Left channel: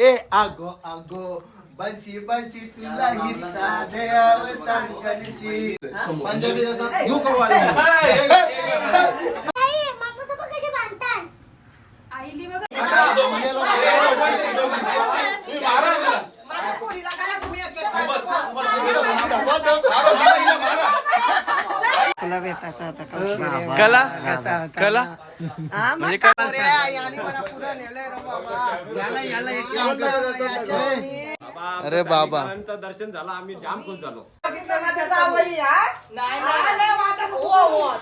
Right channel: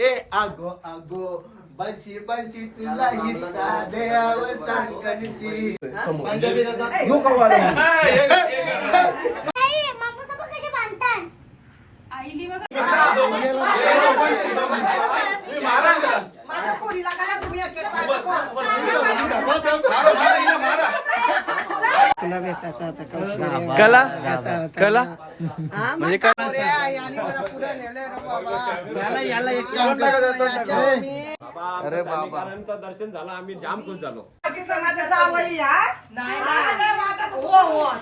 ए आगो आगो बंशी बंशी तुला पंजाबी? आई तुला भेटायचा होता. कला भेटायचा होता कला. हा, मग म्हणजे काय अरे, आई आणि मला पुढं नेलंय रे बाबा. याला याला एक काम याच्या कर मी- अरे बाबा दर्शन झालं आम्ही जाम खुश झालो तिथं माझ्या जावई, हा? हा, हो, हो.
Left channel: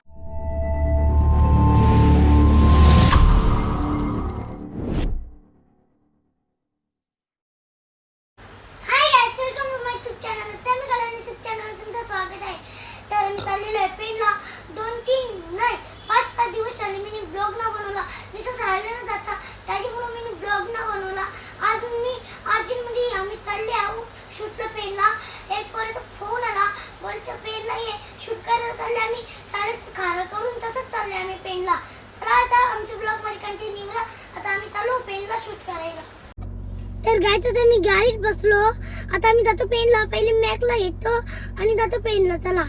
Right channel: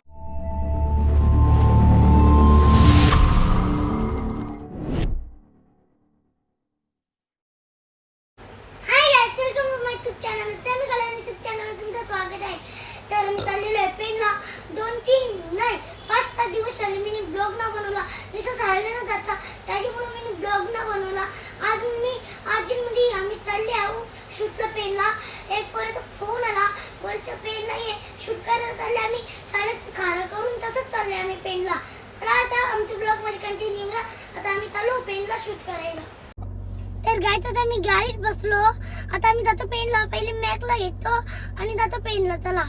आता मी जातो पेनला. पहिले मॅकला घेतो आणि जातो पेनला. चला.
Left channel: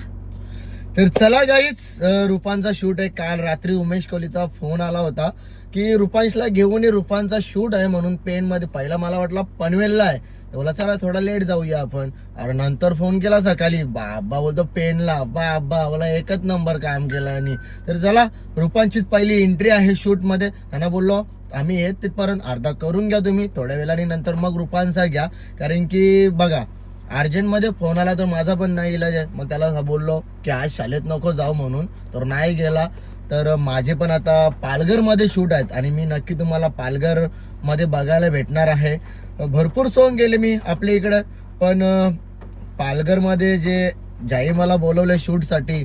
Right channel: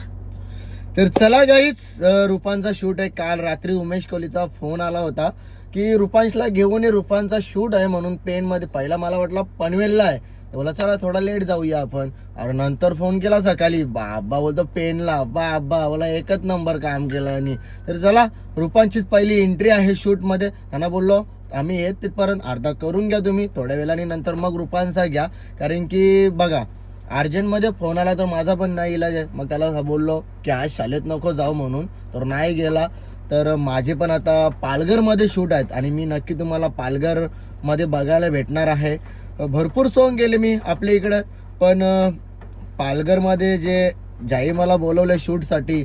तर चला गाईच रुपांचा शूट आहे. काल रात्री उमेश कोहलीचा फोन आला होता की रुपांशला घेऊन ये. रुपांचा शूट आहे म्हणून पेन मध्ये पहिला मला वाटला पनवेलला आहे. बोला चला थोडा लेट जाऊया आपण. अरे नंतर फोन केला सकाळी. बाबा बोलतो पेनला. बाबा बोला एकच नंबर काम केला. आणि तर चला रुपांचीच पहिली एंट्री आहे शूटमध्ये. त्यांना बोललो आम्ही येत तिथपर्यंत अर्धा करून घ्या तुम्ही. थोड्या वेळाने नंतर मग रुपांचा घ्या. कारण की बघा अर्जंटमध्ये फोन आला तर माझा पण नाही इलाज आहे. मग त्याला बोललो की आज शाळेत नको जाऊ म्हणून. तर नाही गेला. तर माझे पण आता पालघरमध्ये शूट आहेत. आणि मी नक्की तुम्हाला पालघरमध्ये बघायला भेटणार आहे. भरपूर सोंग गेले मी आपल्या इकडं. पण पालघरमध्ये जे जाई मला बोलवले शूटसाठी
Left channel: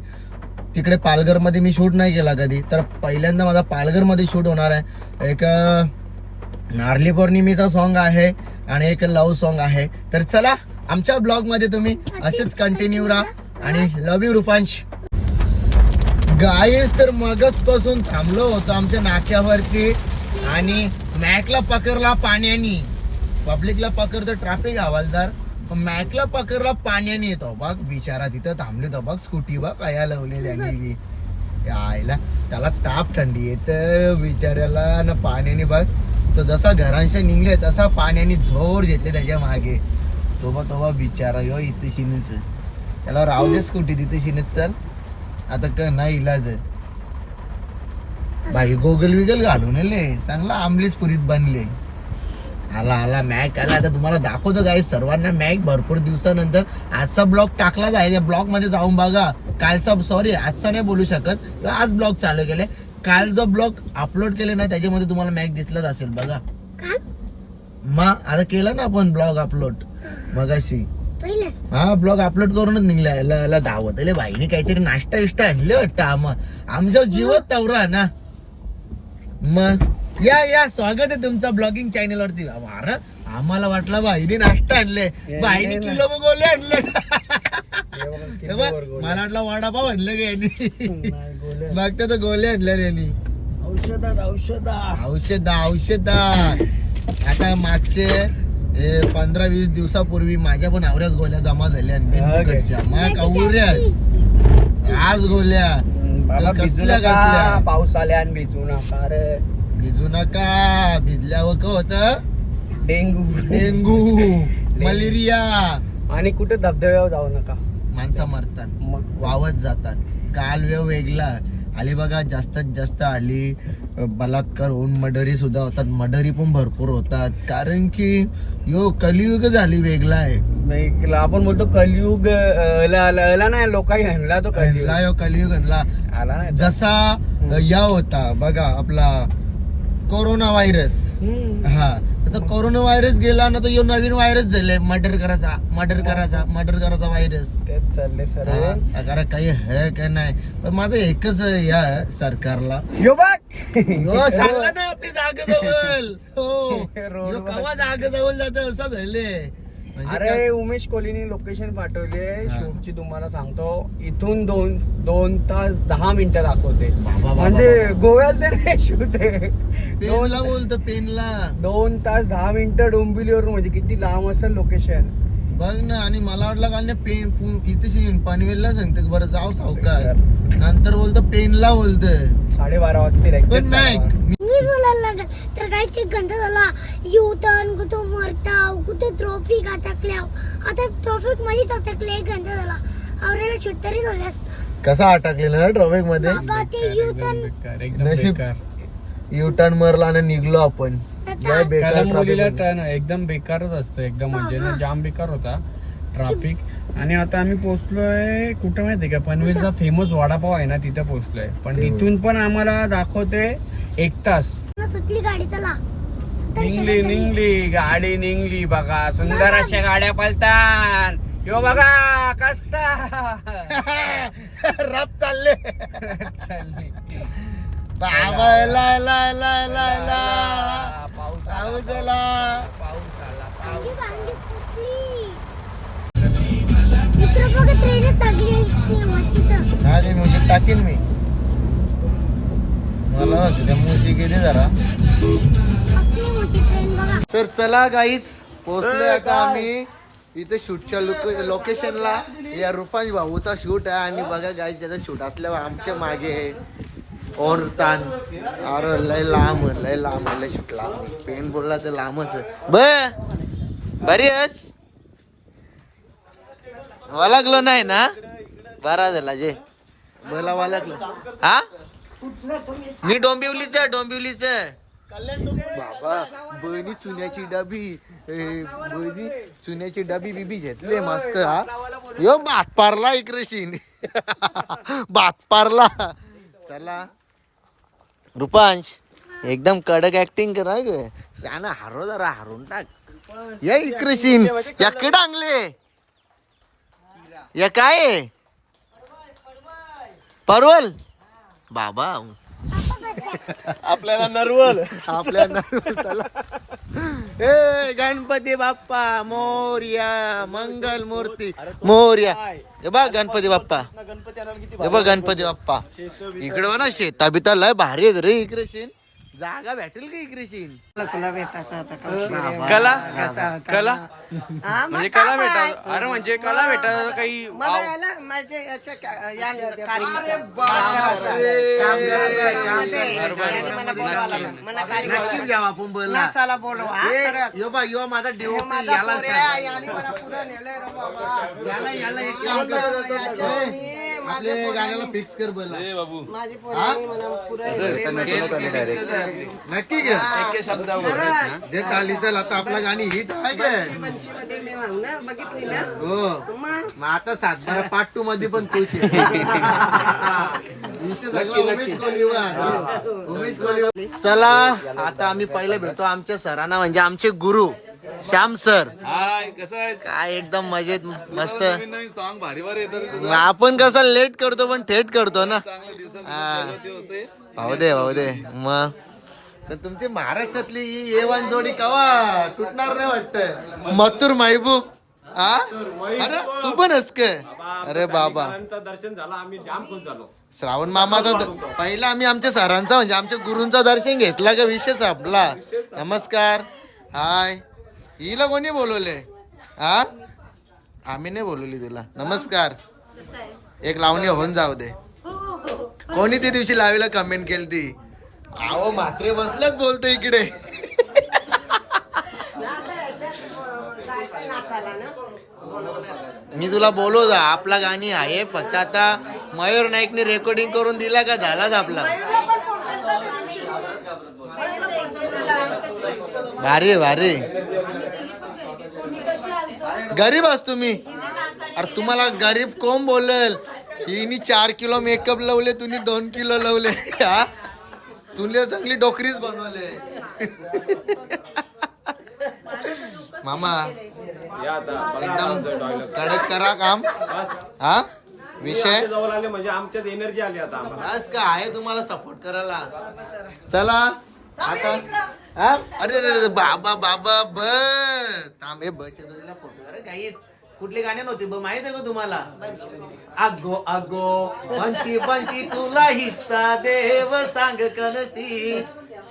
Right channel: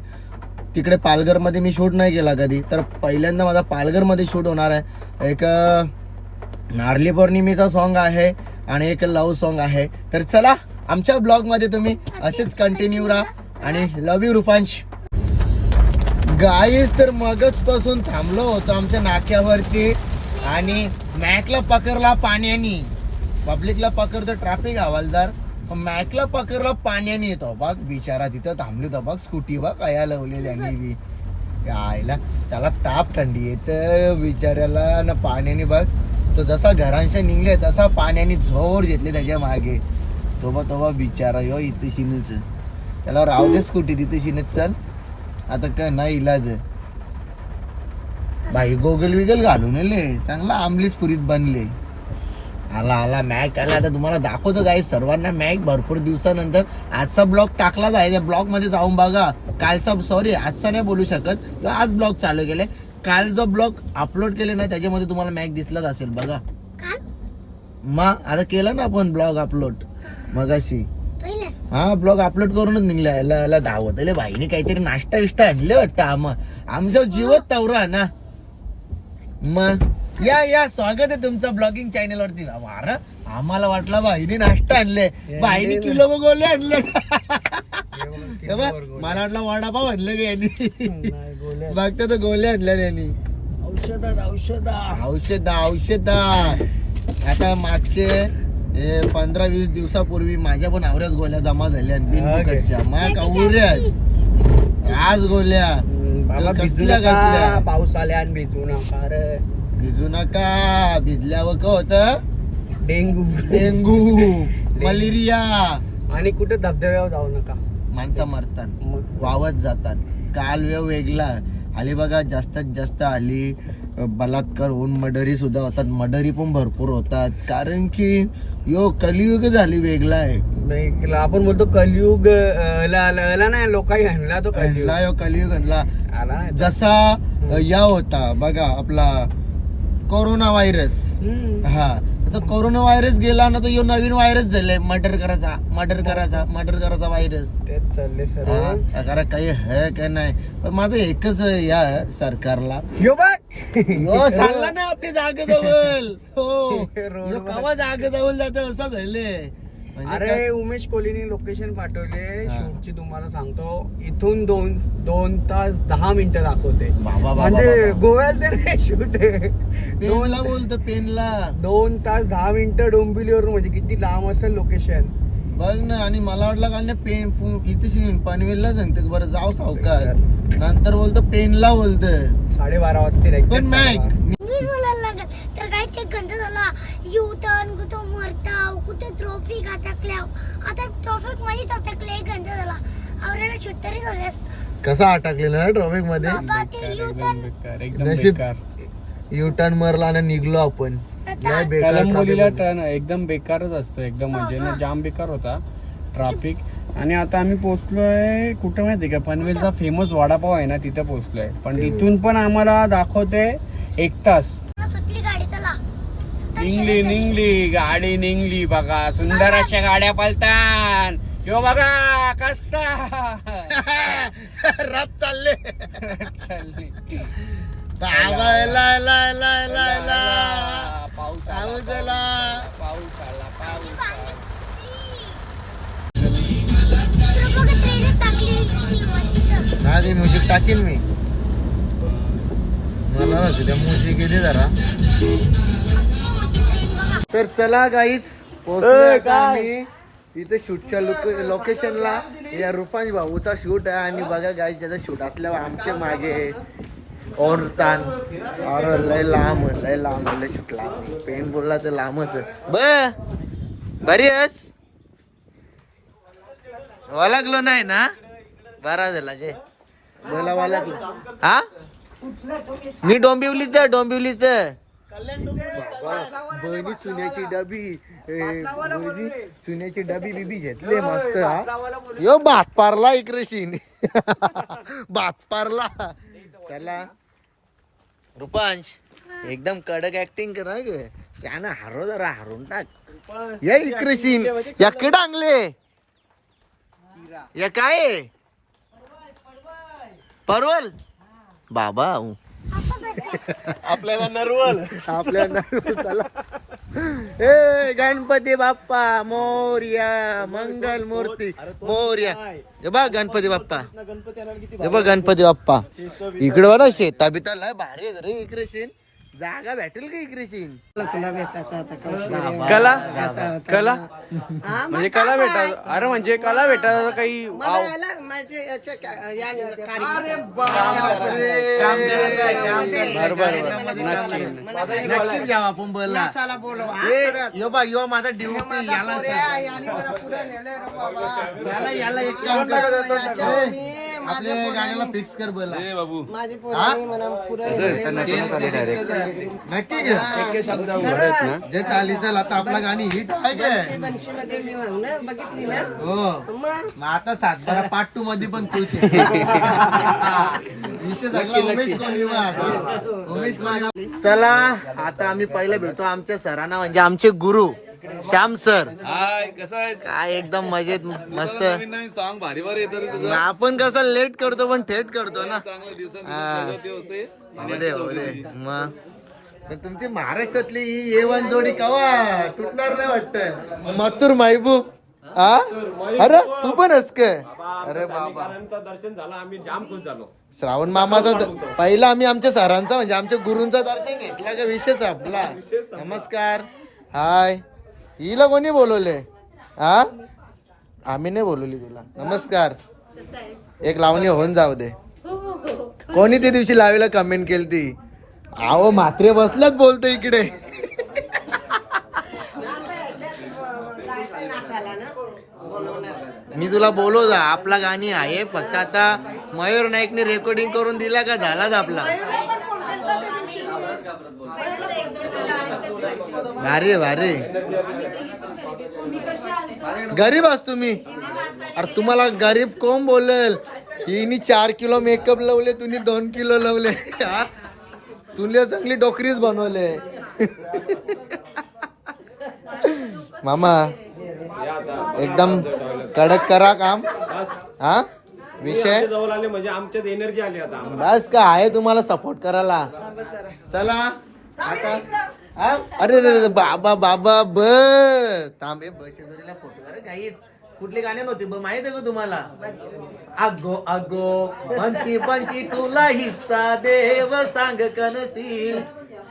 तिकडे पालघरमध्ये मी शूट नाही केला कधी. तर पहिल्यांदा माझा पालघरमध्ये शूट होणार आहे. एक नारली पौर्णिमेचा सॉन्ग आहे आणि एक लव सॉन्ग आहे. तर चला आमच्या ब्लॉगमध्ये तुम्ही असेच कंटिन्यू राहा आणि लव यू रुपांश. गाईस तर मगच पासून थांबलो होतो आमच्या नाक्यावरती आणि मॅकला पकडला पाण्याने. पब्लिकला पकडतो ट्रॅफिक हवालदार. मॅकला पकडला पाण्याने येतो. बघ बिचारा तिथं थांबले तो बघ स्कूटी बघ कया लावली त्यांनी बी. यायला त्याला ताप थंडी येत बिचाऱ्याला. ना पाण्याने बघ. तो जसा घरांशी निघले तसा पाण्याने जोर घेतले त्याच्यामागे. तो मग तो बा बिचारा. यो इथे शिनच. त्याला राहू दे स्कूटी तिथे शिनच चल. आता का नाही इलाज. बाई गोगल विगल घालून आले. चांगला आमलीच पुरीत बनले. आला आला मॅक आला आता तुम्हाला दाखवतो काय सर्वांना मॅक भरपूर दिवसानंतर. आजचा ब्लॉग टाकला जायचा ब्लॉगमध्ये जाऊन बघा. कालचा सॉरी आजचा नाही बोलू शकत. आज ब्लॉग चालू केले. काल जो ब्लॉग अपलोड केले ना त्याच्यामध्ये तुम्हाला मॅक दिसलाच असेल बघा. मग आता केलं ना आपण ब्लॉग अपलोड मगाशी. पहिले. हा ब्लॉग अपलोड करूनच निघला धावत. अरे बाईने काहीतरी नाश्ता बिष्टा आणले वाटतं आम आमच्या जीवत तवरा ना. मग? या या स्वागत आहे तुमचं ब्लॉगिंग चॅनल वरती. अरे आम्हाला वाटलं बाईने नाश्ता आणले बाईने किलो गोले आणले हे मला वाटलं वडापाव आणलं की यांनी. बघता तर गोले आणल्या यांनी औषधात औषधात. औषध औषध. आता मागचे हे पंधरा वीस दिवसापूर्वी माझ्या पण आवऱ्याच गोल्या जमा झाल्या आज गोल्या. बाबा कसल्या कसल्या? पाऊस आल्या आणि भिजू नका रे. भिजू नका भिजल्यावर का होत? डेंगू. Dengue malaria. आणि कुठे धबधब्यावर जाऊ नका. माणसं मरतात वावत जातात. काल वेळ वेगळा. आली बघा जास्तीत जास्त आली बलात्कार होऊन मडरी सुद्धा होतात. मडरी पण भरपूर होतात. कारण की यो कलियुग झाली वेगळा आहे. नाही आपण बोलतो कलियुग नाही लोकांनी तो कलियुग. आणला यो कलियुग नाही. जसा या होता बघा आपला कोरोना व्हायरस. हा. आता कोरोना व्हायरस गेला ना तर यो नवीन व्हायरस झाले मर्डर करायचा मर्डर करायचा मर्डर करायचा व्हायरस. तेच चालले सर. हा, अगर काही है का नाही? पण माझं एकच या सरकारला. यो बघ. यो सांगला ना आपली जागेजवळ. हो. यो कवा जागेजवळ जात असं झाले अरे उमेश कोहलीने लोकेशन पाठवले. शूटची तुम्हाला सांगतो. इथून दोन दोन तास दहा मिनिटं दाखवते. म्हणजे तर नाही शूट पेनला बोलतो पेनला. दोन तास दहा मिनिटं डोंबिवलीवरून म्हणजे किती लांब असेल लोकेशन बघ ना आणि मला वाटलं का पेन पु- इथे सीन पनवेलला सांगते बरं जाऊ सावकार. नंतर बोलतो पेनला बोलतोय. साडेबारा वाजतील पण मॅक लागेल तर काहीच एक घंटा झाला. यू टर्न कुठं मरताव कुठे ट्रॉफिक अटकल्याव आता ट्रॉफिक मध्येच अटकले एक घंटा झाला. आवरायला शूट तरी झाले असतं. कसं अटकले ना ट्रॉफिकमध्ये? ते यू टर्न बेकार, एकदम नशीब. बेकार. यू टर्न मारला आणि निघलो आपण. लय बेकार कलंबोलीला traffic मध्ये. टर्न एकदम बेकारच असतं एकदम म्हणजे ना जाम बेकार होता ट्रॅफिक आणि आता आम्ही पोहोचलोय कुठं माहितीये का? पनवेलचा फेमस वडापाव आहे ना तिथे पोहोचलोय. पण तिथून पण आम्हाला दाखवतोय एक तास. सुटली गाडी चला. निघली गाडी निघली बघा. सुंदर अशा गाड्या पलतान. यो बघा कसा? रथ चालले. चालली. एला एला एला एला एला पाऊस आला, पाऊस आला. पाऊस आला पाऊस ती वांगी फुटली. मित्र बघा ट्रेनच लागली इतकी मस्त. आधी म्युझिक टाकीन मी मला गेली जरा. तर चला गाईच पोहोचलो आता आम्ही. इथे शूटच्या लोकेशनला या रुपांश भाऊचा शूट आहे आणि बघा गाईच त्याचा शूट असल्यावर आमच्या मागे ओन तान अरे लय लांब लय लांब लय शूट लांब. पेन बोलला तर लांबच बरी आहेस? वालागलो नाही ना? बरा झाला जे. बोला वालागलो. हा? मी डोंबिवलीच आहे डोंबिवलीच आहे. बाबा बहिणी चुन्याची डबी ए, बहिणी चुन्याची डबी बिबी घेतले मस्त हा. यो भात पारला इकरेशीन भात पारला. चला. रुपांश एकदम कडक ऍक्टिंग करा ग. साना हारो जरा हारून टाक. या इकरेशीन या डांगले या काय? आहे? परवल. बाबा. आपल्याला नर्वल. आपल्या नरवल चला. ए गणपती बाप्पा मोर्या मंगल मूर्ती मोर्या. हे बघ गणपती बाप्पा. हे बघ गणपती बाप्पा. इकडे बघा शेता बिता लय भारी आहेत रे इकडे शेन जागा भेटेल का इकडे शेन तुला भेटायचा बाबा. कला? कला? म्हणजे कला भेटा अरे म्हणजे कला भेटा काही काम करायचं आहे. काम करायचं आहे. नक्की. नक्की घ्या आपण बोलला ए, यो बा यो माझा ड्युटी याला सांग. याला याला एक काम कर. ए, आपल्या गाण्याला फिक्स कर बोला माझी हा? पोरांनी पुरं नक्की घे जे टालीचं आता आपला गाणी हिट आहे काय मी बघितली ना हो मग मग आता सातबारा पार्ट टू मध्ये पण तूच आहे. विषय सगळा उमेश कोहलीवर आता. उमेश कोहली चला आता आम्ही पहिलं भेटतो आमच्या सरांना म्हणजे आमचे गुरु श्याम सर. हाय कसं आहे काय एकदम मजेत मस्त. नवीन नवीन सॉन्ग भारी भारी येतात रे तुझं. आपण कसं लेट करतो पण थेट करतो ना. चांगल्या दिवसात हा. होते. भाऊ दे भाऊ दे. मग? तर तुमची महाराष्ट्रातली ही एवन जोडी कवा तुटणार नाही वाटत. मथुर महबूब हा अरे तू पण हस काय अरे बाबा. दर्शन झालं आम्ही जाम खुश झालो. श्रावण मामाचा द- पहिला आम्ही आमच्या सरांचा म्हणजे आमच्या गुरूंचा दर्शन घेतला का विषय आपला नमस्कार. हाय. हिला कोणी बोलवले हा आम्ही नाही बोलवली तुला. नमस्कार. एक लावणी होऊन जाऊ दे. कोणी त्या दिवशी लावीला कमेंट केली ती आहो मात्रे बसल्याच बोलतो इकडे. मी तुला बोलवतो आपला गाणी आहे फक्त आता मयूर नाईकने रेकॉर्डिंग करून दिला का? झालाच आपला. भारी भारी गरीब आस तुम्ही. अरे तुम्हाला गरीब कोण बोलेल? हिनी चार किलो मेकअप लावले तुम्ही दोन किलो लावले. हा? तुले चांगली डोकरीच बनवले. मामा एकदम कडक करा काम. हा? विषय? जवळ आले म्हणजे आमच्यात एनर्जी आली आता बस का आहे तुम्हाला सपोर्ट करायला. चला आता हा? अरे अरे बाबा बाबा ब बच्या जोडीला फोटो अरे काहीच कुठली गाणी नव्हती ब माहीत आहे का तुम्हाला? अगो अगो बंशी बंशी तुला हिस्सा देव सांग कनसी.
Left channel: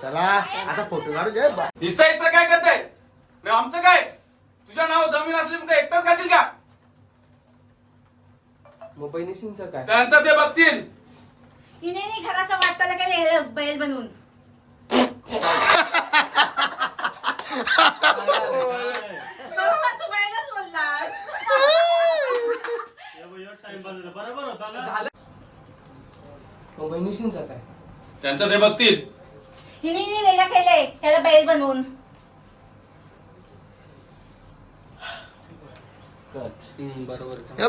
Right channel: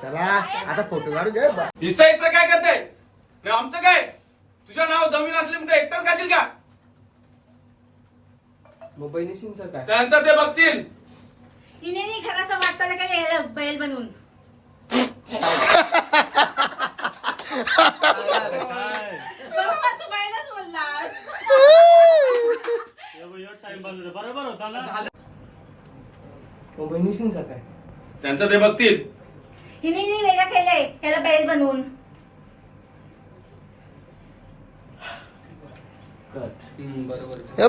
चला आता फोटो काढू दे बा. हिस्सा हिस्सा काय करते रे आमचं काय? तुझ्या नाव जमीन असली म्हणून एकटाच खाशील का? त्यांचं ते बघतील. हिने नाही घराचं वाटतं का हे बैल बनवून. त्यांचं ते बघतील. हिने केलंय ह्याला बैल बनवून.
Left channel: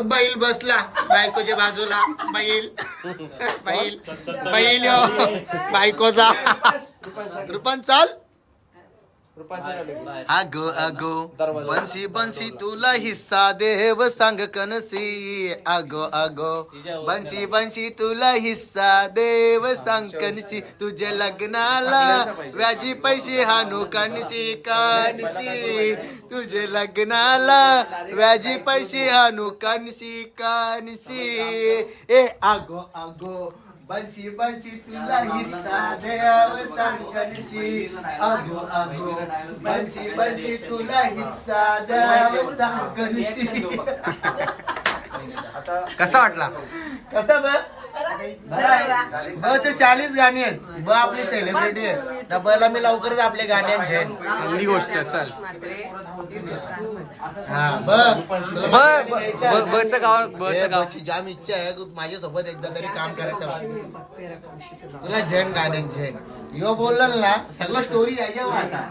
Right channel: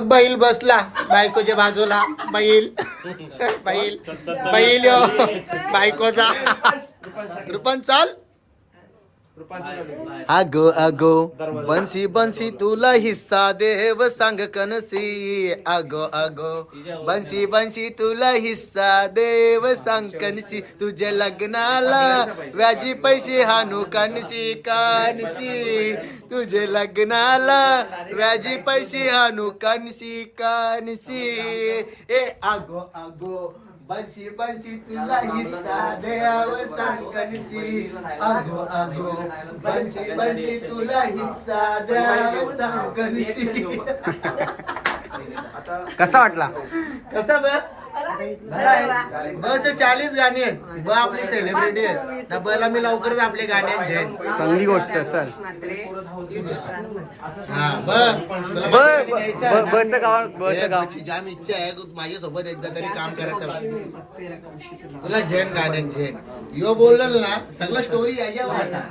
बैल बसला बायकोच्या बाजूला बैल. बैल. बैल यो. बायकोचा रुपन चाल. अगो अगो बन्सी बन्सी तुला हिस्सा देव सांग कनसी. अगो अगो बन्सी बन्सी तुला हिस्सा देव सांग कनसी. तुझ्या लग्नाला व्याजी पैसे हानू कनसी कनसी. तुझे लग्नाला व्याजी पैसे हानू कनसी कनसी. ए अगो अगो बन्सी बन्सी तुला हिस्सा देव सांग कनसी अगो अगो बन्सी बन्सी तुला हिस्सा देव सांग कनसी कसा वाटला कसा ब ब चे चाळीस गाणी आहेत. ब आपली सेलिब्रिटी आहे त्या बला मी लवकरच आपले गाणी आणेन चांगली गोष्ट चल. हा ब ब ब- आहे. ब- बचं गाव हे बचं गाव. बची जाम इच्छा आहे. की माझ्यासोबत एकदा तरी काम करायचं तुला झेन गाण्यान झेन यो बोलला ना सगळं स्टोरी याच्यावर आता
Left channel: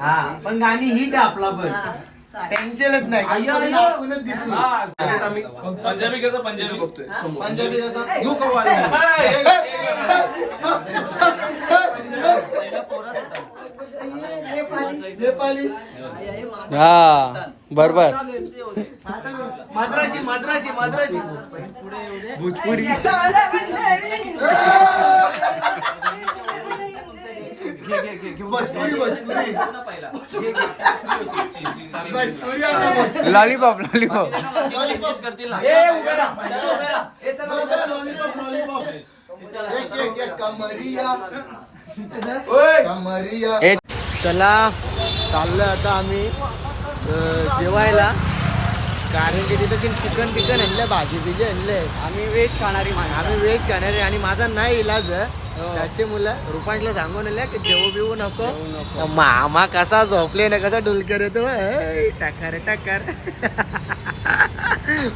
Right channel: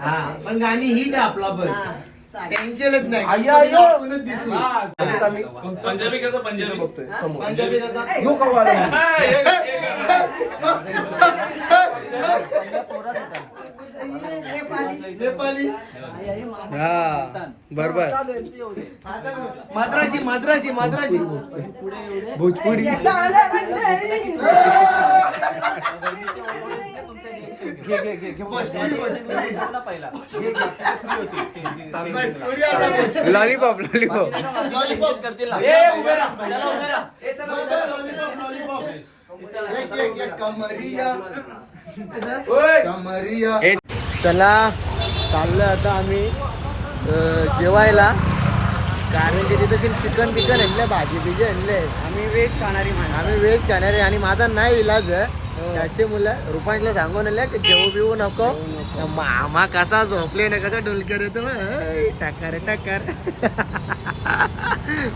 हा पण गाणी हिट आहे आपला पण. टेन्शनच नाही. आपणच दिसू. पंजाबी कसं पंजाबी? बघतोय. पंजाबी हा बरोबर. माद्रासी माद्रासी माद्रासी. भोजपुरी. भोजपुरी भोजपुरी भोजपुरी आला भोजपुरी. Lollipop lollipop. लॉलीपॉप. ये, उभे राहा. बघ, लॉलीपॉप, लॉलीपॉप. एक, एक, एक, कमरिया. कमरिया. चला. चाललोय आता आम्ही अं, जेवायला. कारण की तिथे चिकन बिकन आणलं भाजी बिजी आणले आम्ही व्हेज खाणारी माणसं. आम्ही व्हेज खाणारे आणि माझा नाही इलाज आहे. त्याचे मुलं रुपांशला सांगून आले की जेवू बिवू नको. मामा कसा झोपले ना कसा डुलकर येतो टाकार टाकार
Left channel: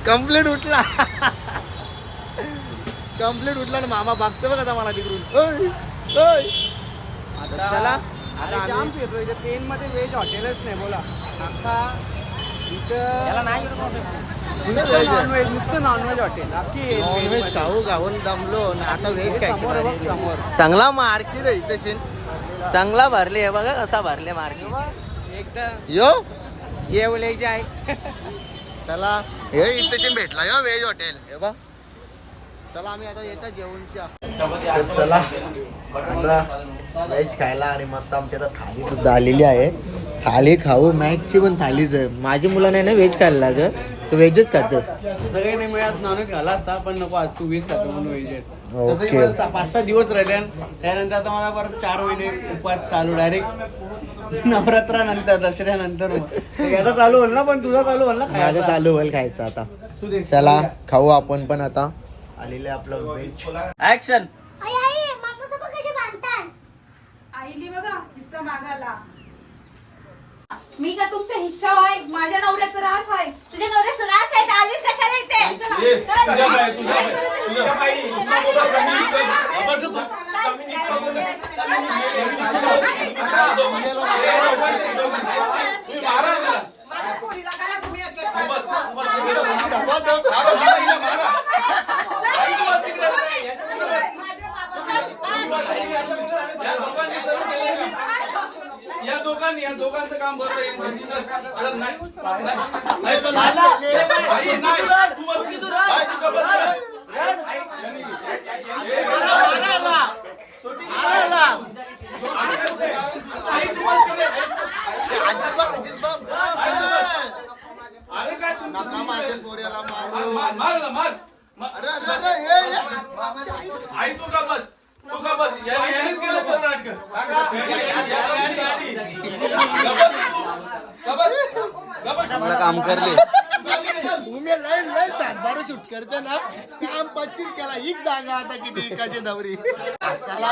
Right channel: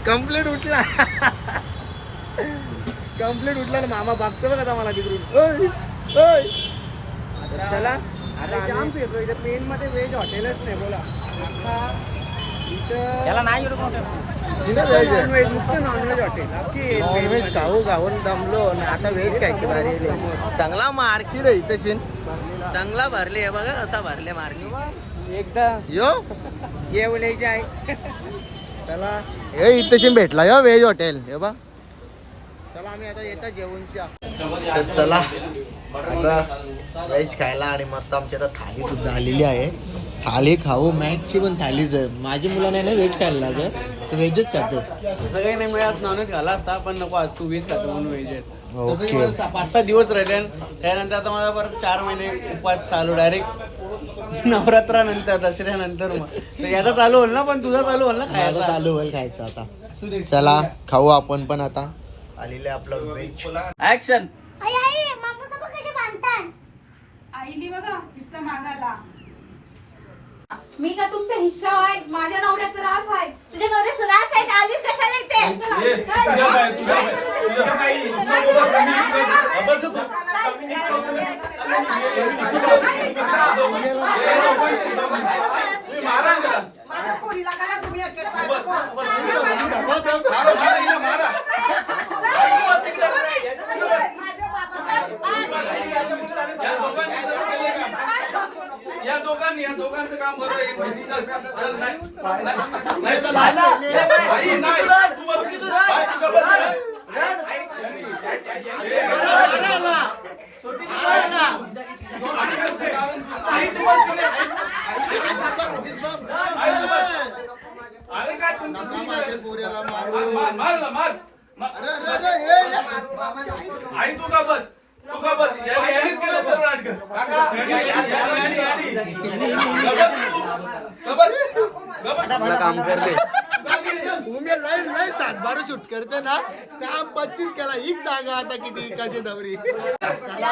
कंप्लीट उठला. कंप्लीट उठला ना मामा बघतो बघ आता मला तिकडून. ओय, ओय. तर चला आता आम्ही पेन मध्ये व्हेज हॉटेलच नाही बोला. आता इथं? नॉनव्हेज नुसतं नॉनव्हेज हॉटेल नॉनव्हेज खाऊ खाऊन दमलो ना आता व्हेज खायची आली. चांगला मार्केट आहे तशी चांगला भरले हे बघा कसा भरले मार्केट. एकदा यो. येवल्याचे आहे चला हे इथं भेटला यो व्हेज हॉटेल हे बा चला आम्ही आता येता जेवणशा तर चला आता व्हेज खायला आणि मस्त आमची आता थाली सुद्धा आलेली आहे. थाली खाऊ मॅचची पण थालीच आहे माझी मुलांना नाही व्हेज खायला लागत तो व्हेजच खातो. सगळे नाही मिळत नॉनव्हेज खाला असता पण नको आज तू व्हेज खातो म्हणून व्हेज आहे ओके. मला पाच सहा दिवस राहिले त्यानंतर आता मला परत चार महिने उपवास चालू डायरेक्ट नवरात्रानंतर दसऱ्यानंतर मग. याचा चालू होईल ना पण तुझा चालू होईल ना माझं खायचा. चालू होईल खायचं आता. चला खाऊ आपण पण आता. आलेले आपलं व्हेज ऍक्शन आई आई कसे बांधतात? आईने बघा हिस्सा मागायला. मी का तुमचा हिस्सा आहे माझ्या नवऱ्याचा रास आहे तुझ्या नवऱ्याचा रास आहे तर आलीच कशाला इथे तुझ्या बाई, तुझ्या बाई, तुझ्या बाई, जमिनीत तू. तुम्ही मारा ना त्याला. या दोघांनी या दोघांचं काम बरोबर आहे. चल, चल, नाही. नाही, चल, बाई, नाही. तू बस. बाई, तू गप्प बस. सुट्टी किती आहे? आम्ही काय बोलतोय? आई तुम्हाला सुट्टी आहे. अरे काय तुमचं- नका माझ्या पोऱ्याला मारू. अरे अरे अरे. आई तू का बस तू का बस गबस. काम करले उमे लय लय सातबार शूट करते ना काम पच्चीस केला हीच जागा आता किती एकाची दवरी साला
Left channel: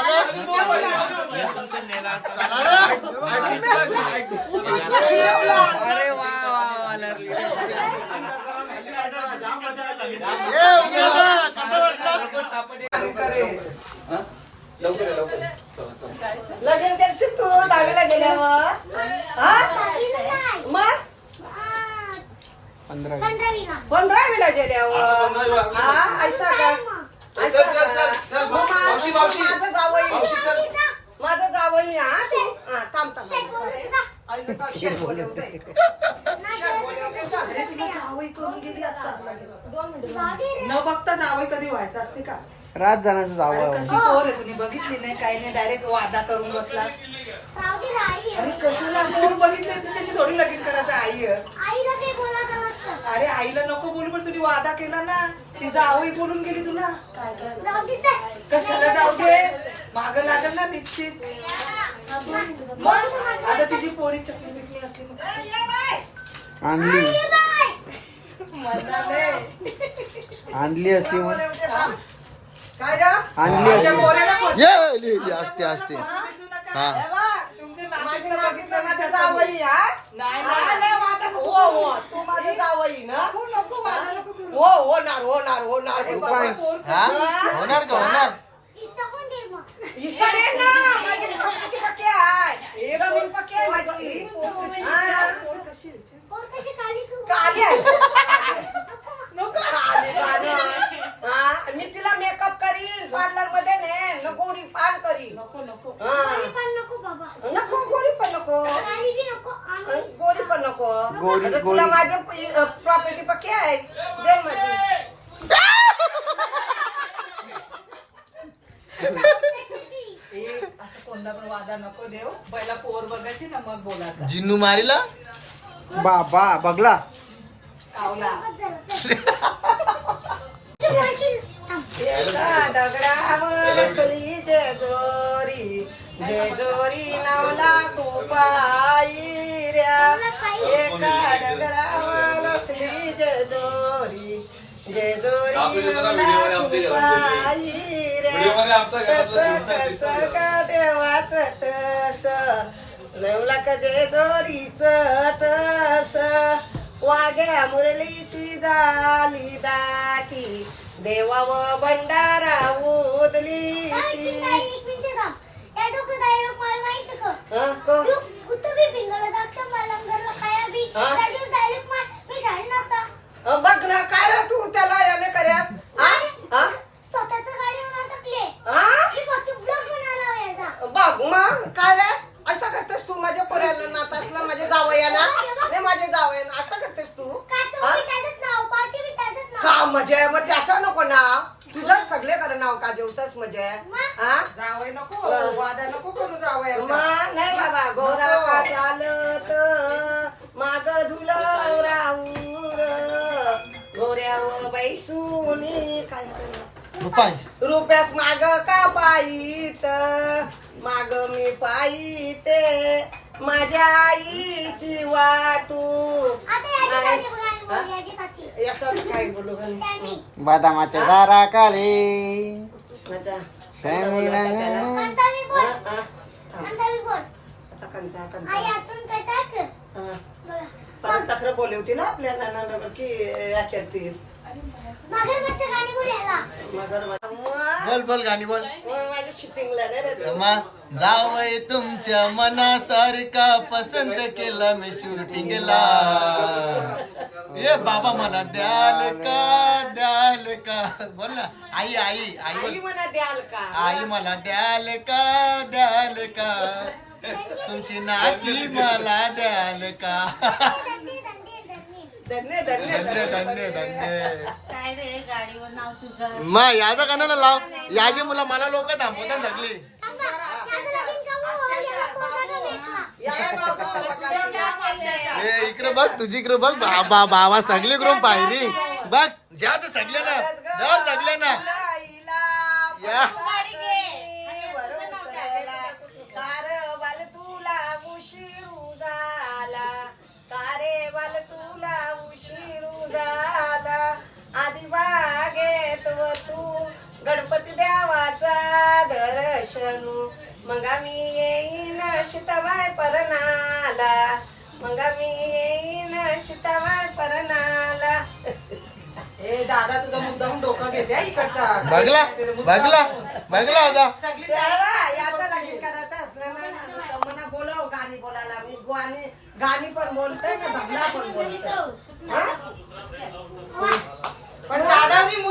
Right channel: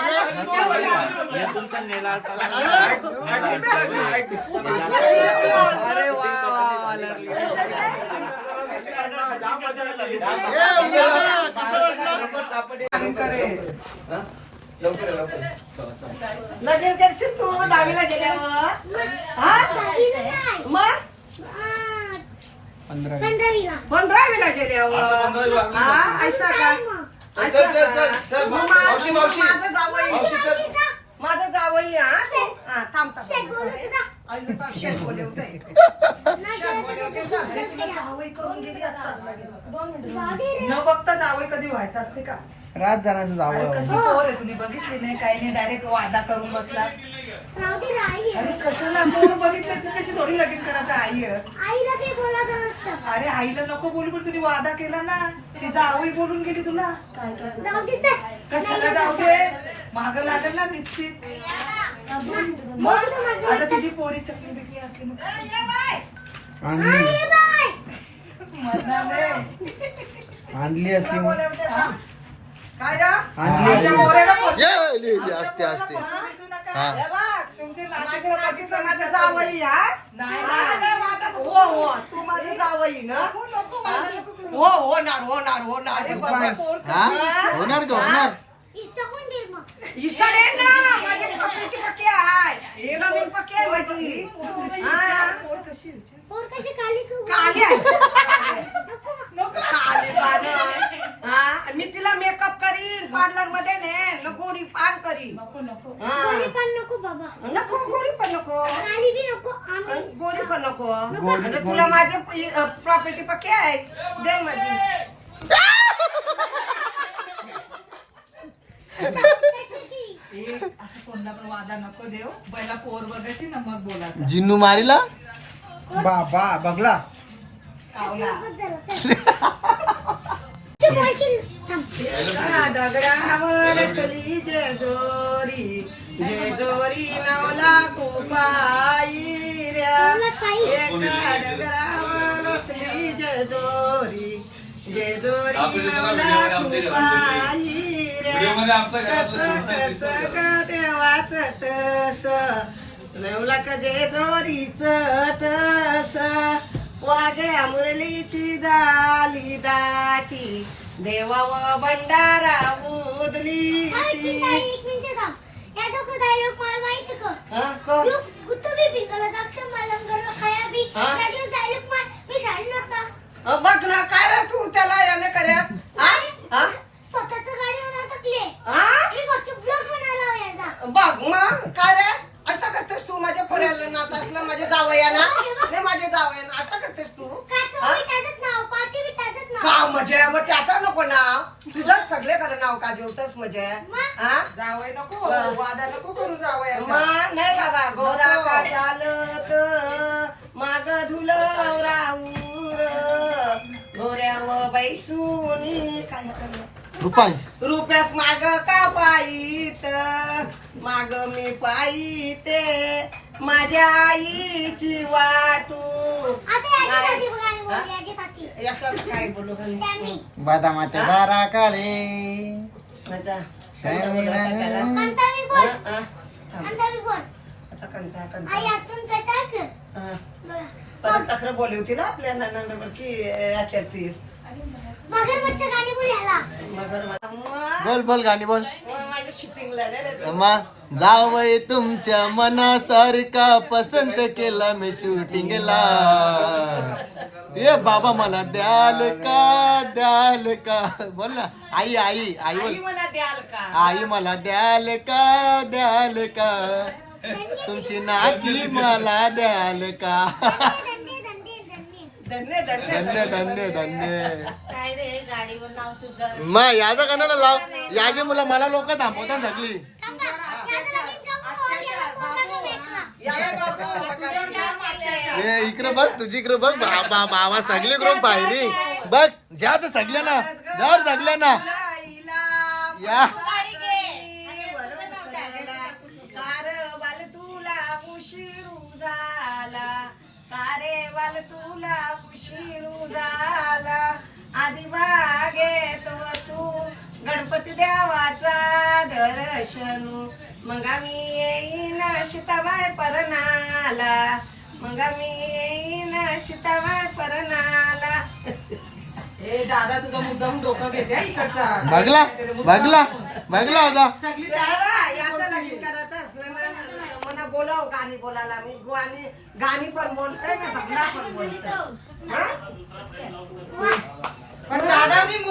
ना. साला ना. अरे वा ना. कसं वाटलं? लगेच करशील तू दहावीला गेल्यावर. हा? मग? पंधरा पंधरावीला. गेल्यावर. हा? ऐसा का? ऐसा का? मग माझं जावई. माझं जावई हा? हा थांब थांब. आईला बोलवते. जावई करून गेली आता. न बघता जावई कधी व्हायचं असते का? रात जणांचं अरे जावं कशी पोर आहे तुम्ही बघितली नाही काही नाही. डायरेक्ट वादा करून बसला जाऊ दे रे, आई. आहे. अरे कशाला पोर बघितली? तिच्याशी थोडी लगीन करायचं आई आहे. आईला काही बोलायचं नसतं. अरे आईला नको बोलू पण तुम्ही वादा केला ना. ती जावई बोलून गेली तुला. जाऊ दे चल. कशाला जाऊ दे? माग लागेल ना निश्चित. मग. आता तिची पोरी चक्की बिक्की असली ए, ये बाय. आणली. बाय. असली. तुला बोलवते, हा. काय रे? आणली तुमच्या असली पोऱ्याला ये ये, ये, असते असते. दिसू नका. हा. हे बघ, तुमची नातीला बघितलं माझ्या जावई हा? नाही नाही. हो हो तू माझं जावई ना हा? हो होणार होणार होणार हा होणार का होणार इथं कोण देईल मग? ईशान आहे ना माझी पक्की पक्की आहे जमीन पक्की आहे माझी हा. पोर कशी काली करू? काली आहे. नको. नको काली पानं. हा, आणि तिला मेकअप करीन पार्लरमध्ये ने नको गोरी पान करीन नको नको गोरी पण नको बाबा. नको गोरी पण नको काली बी नको. आम्ही गोरी पण नको. तुला माझे प्रॉपर्टी पक्की आहे. दे माझी कशाची? ए, असं कोणला पण वादा नको देव पहिला पोर बघायची ना मग बोलायचं. जिन्नू मारीला? बाबा बघला. कावला. दगडावर चली जेजोरी जेजोरी नावला तू कस कस ग देवाच टस नवला का जेजोरीच टस वाग्या मुरलीची झाली दाटी देवा व भंडारा उदली काय ती. चिंता आहे, एक मिनिट थांब. या डोकं dialogue मला माहिती का? हं, क- ग्रुप गुत्तू बी भिंगला जागतं, मलंगरला खाया बी. हा? त्याचे dialogue मा- मी शाळेत नसता. बघ ना काय रे तू त्याला याने कर्यास? हा? हा? स्वतःचं गाडीवर अटकले. हा? मी फक्त ब्लॉग बनायला हवा याचा. बघ मग काय रे? असं करतेस तू माझ्या पोऱ्याला नात असलं माझे जावयाना नाही माझे जावयाना असं करतेस तू? हा? का म्हणजे? मग त्याचं नको नाव. तुझं सगळे खरं नाव का जेवतस म्हणजे? हा? जावई नको वादा नको करू मग नाही बाबा गोरा का चालत? माग धुलव राऊर बैसूनी काय रुपयास माग का पायीत माग मी पायीते माझ्या आईची वाटू. याचं काय बोलू घालू? बदामाच्या दारा काले माझा काय बोलू आता त्याला? पंचावी बोल. हा, हा. थांब. पंचावी बोल. आता कंचा आई कंचा आतून काय टाक. हा. बघा. परत तक्र बोलवती ना आपल्या नाना की याच्यातील मगरमच्छ गाणी बोल याला. बोल बोल गाणी बोल. माझ्या शूटिंगला मग जावय तुमच्या मनासारखा पसंत केला मी शूटिंगला. ये बाबा मला द्याल का? द्याल का? बोल ना. आई आई आई बोल. आई आई मला द्याल का? द्याल का? तुमची नाती मला द्याल का? धन्य धन्य धन्य मग याचं का ना लाव? याचे मुलं मला लोक थांबवतात धकली. ए इकडे बघ तुझी इकडे बघ बाबा बाबा सगळी करून पायरी. बस ज्या तर ना जर सगल्या ना या. कारेवाल तुला उशीरू झाला आधी बागेत व तू. गणपती देवाचा दर्शनू. मग आम्ही येईन शिताबाई परणाला. मग आम्ही येईन शिताबाई परणाला. ए दादा तुझा मुद्दाम डोकं घेते हा इकडचा. बघला बघला बघला होता. राव गाणी बोलायला. मी गाणी गाणी पण बोलते मी भगला पण बोलते. पण दादा मी